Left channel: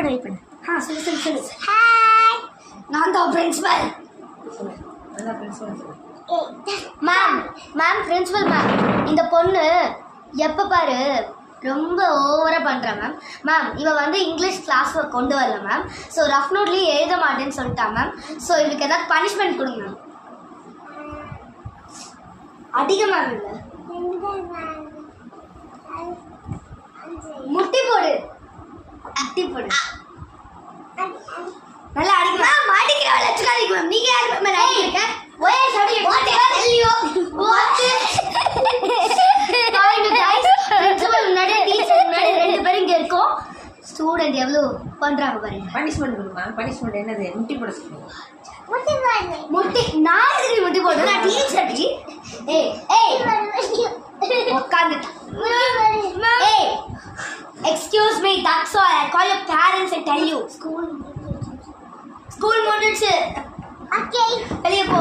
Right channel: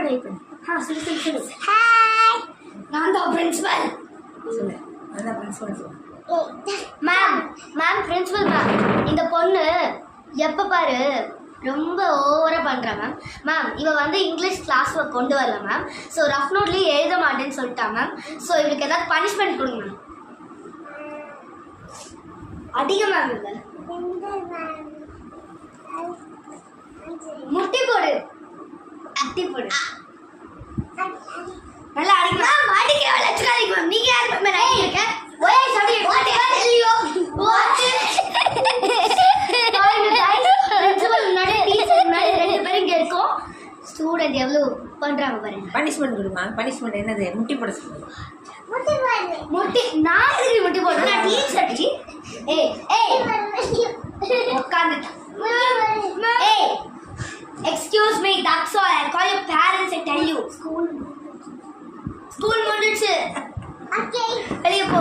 பண்ணு சொல்லு ஹாய் நான் தான் பிரின்சிபல் சொல்லு அதான் பிரின்சிபல் சொல்லு. மேம் பிரின்சிபல் மேம் இந்த பொண்ணு எப்போ பாரு ரொம்ப ஓவராக பண்ணுறா மேம் இவ வந்து இங்கிலீஷ் கிளாஸ் கொண்டு வரல மேம். ஸோ ரஃப் நோட்லேயே எழுத மாட்டேன்னு சொல்லிட்டா மேம். ஸோ இவளுக்கு ஏதாவது பனிஷ்மெண்ட் கொடுங்க மேம். அதிக மேம் இல்லை முட்டி போடு அட்டி போடு நல்லா அடிக்க மேம். அடிக்கிறவள் வச்சுக்காதீங்க மேம். நீங்கள் யார் மேம் அடிக்க ஒரே சொல்லி ஸ்டூடெண்ட் எவ்வளோ பண்ணுறாங்க பாருங்க. பனிஷ்மெண்ட் கொடுமா? பனிஷ்மெண்ட் என்னது? முட்டி போட சொல்லுங்க. முட்டி நான் எதுக்கு முட்டி போடுறேன்? நான் டீச்சர் டி. உட்காந்துட்டேன். Excuse me, that's all. I'll call your parents and tell you. School முடிஞ்சிடுச்சு. Okay. வெளியே போ.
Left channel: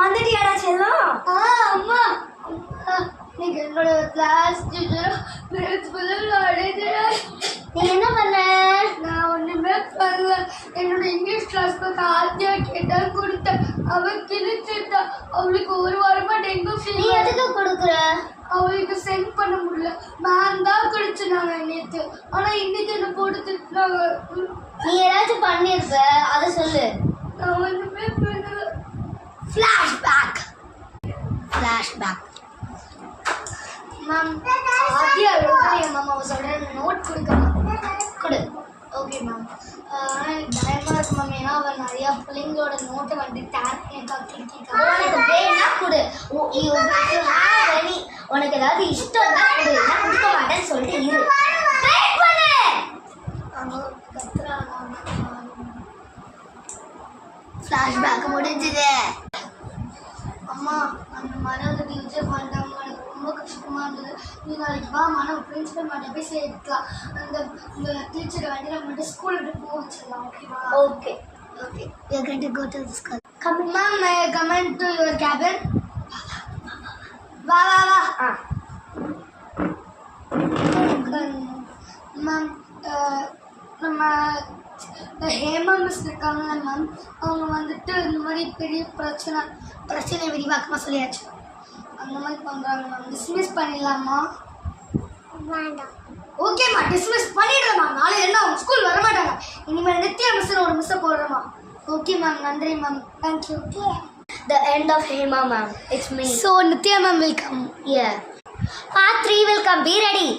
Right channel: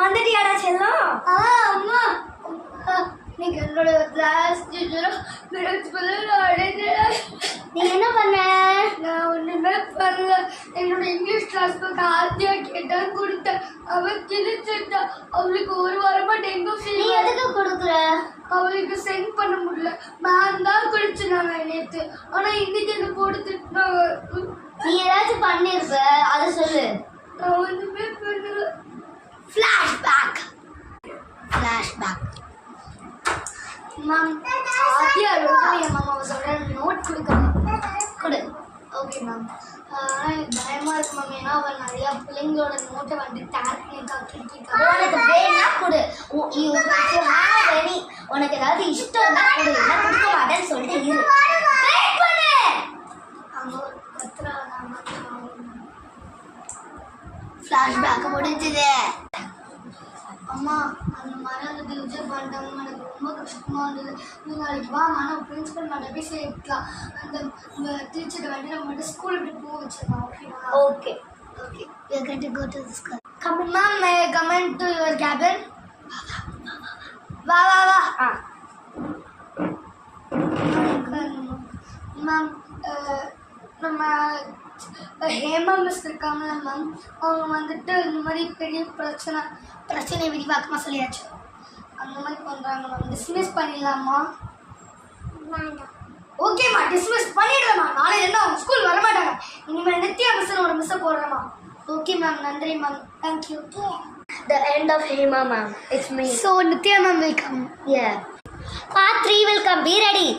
வந்துட்டியாடா செல்லம்? அம்மா நீங்க என்னோட கிளாஸ் டீச்சர் பிரின்சிபல் அழைக்கிறேன். நீ என்ன பண்ண? நான் ஒன்றுமே பண்ணல. என்னோட இங்கிலீஷ் கிளாஸ்க்கு ஆத்தியா கேட்டா கொடுத்தேன். அவன் கிழிச்சிட்டா. அவளுக்கு ஒரு வாரமா டெங்கு ஃபீவர். நீ எதுக்கு கொடுக்குற? அவளுக்கு சென்ட் பண்ண முடியல. மேம் தான் குடிச்சுனாங்க நேற்று. ஆனால் இன்னைக்கு என்ன போட்டு திட்டினாங்க. நீ ஏதாச்சும் பண்ணிருப்ப அதை சொல்லு. நான் ஒன்றுமே பண்ணல. ஃப்ளாஷ்பேக் மேம் ஆத்தியா என் மாமாவை சொல்கிற நோட் கொடு. Okay ma'am. ஆனால் எனக்கு பயமாக இருக்கு மேம். ஏன்னா அவள் நிறையா பிள்ளைங்களோட நோட்டை வந்துட்டு உனக்கு வேணா கொடு. உனக்கு ஏதாவது இஷ்டம் தான் கொடு. நான் கொடுக்க மாட்டேன்னு சொல்லிட்டு இரு. ஃப்ளாஷ்பேக் முடிஞ்சுது. அம்மா அந்த மாதிரி அதை விஜய் பண்ணிட்டாங்க. எனக்கு ரொம்ப கஷ்டமாக இருந்தது. நீ நாளைக்கு வா நம்ம பிரின்சிபல் மட்டும் போய் சேர்க்கலாம். இந்த டீச்சரை வந்து நம்ம மட்டும் ஸ்கூல் விட்டு போக வச்சிடலாம். ஓகேவா? Okay we are going to go to the school. Come in ma'am, may I come into your cabin? வா மேம் நம்ம ஹேமா மிஸ் இருக்காங்களா மேம், அவங்க வந்துட்டு இந்த மாதிரி பெரிய பிரச்சனை விரிவாக்கமாக சொல்லியாச்சு. அந்த மாதிரி பண்ணுறாங்க மேம். டிஸ்மிஸ் பண்ணிடலாமா? ஓகேம்மா டிஸ்மிஸ் பண்ணிடுறேம்மா. நாளை என்ன அவங்க ஸ்கூல் வரமாட்டாங்க. இனிமேல் நித்யா மிஸ்ன்னு ஒரு மிஸ்ஸை போடுறேம்மா. ஓகே மேம், நன்றி ma'am. Thank you. The end of Hema ma'am. It's me. So Nithya ma'am will come. Yeah. Part 3 will come. Be ready.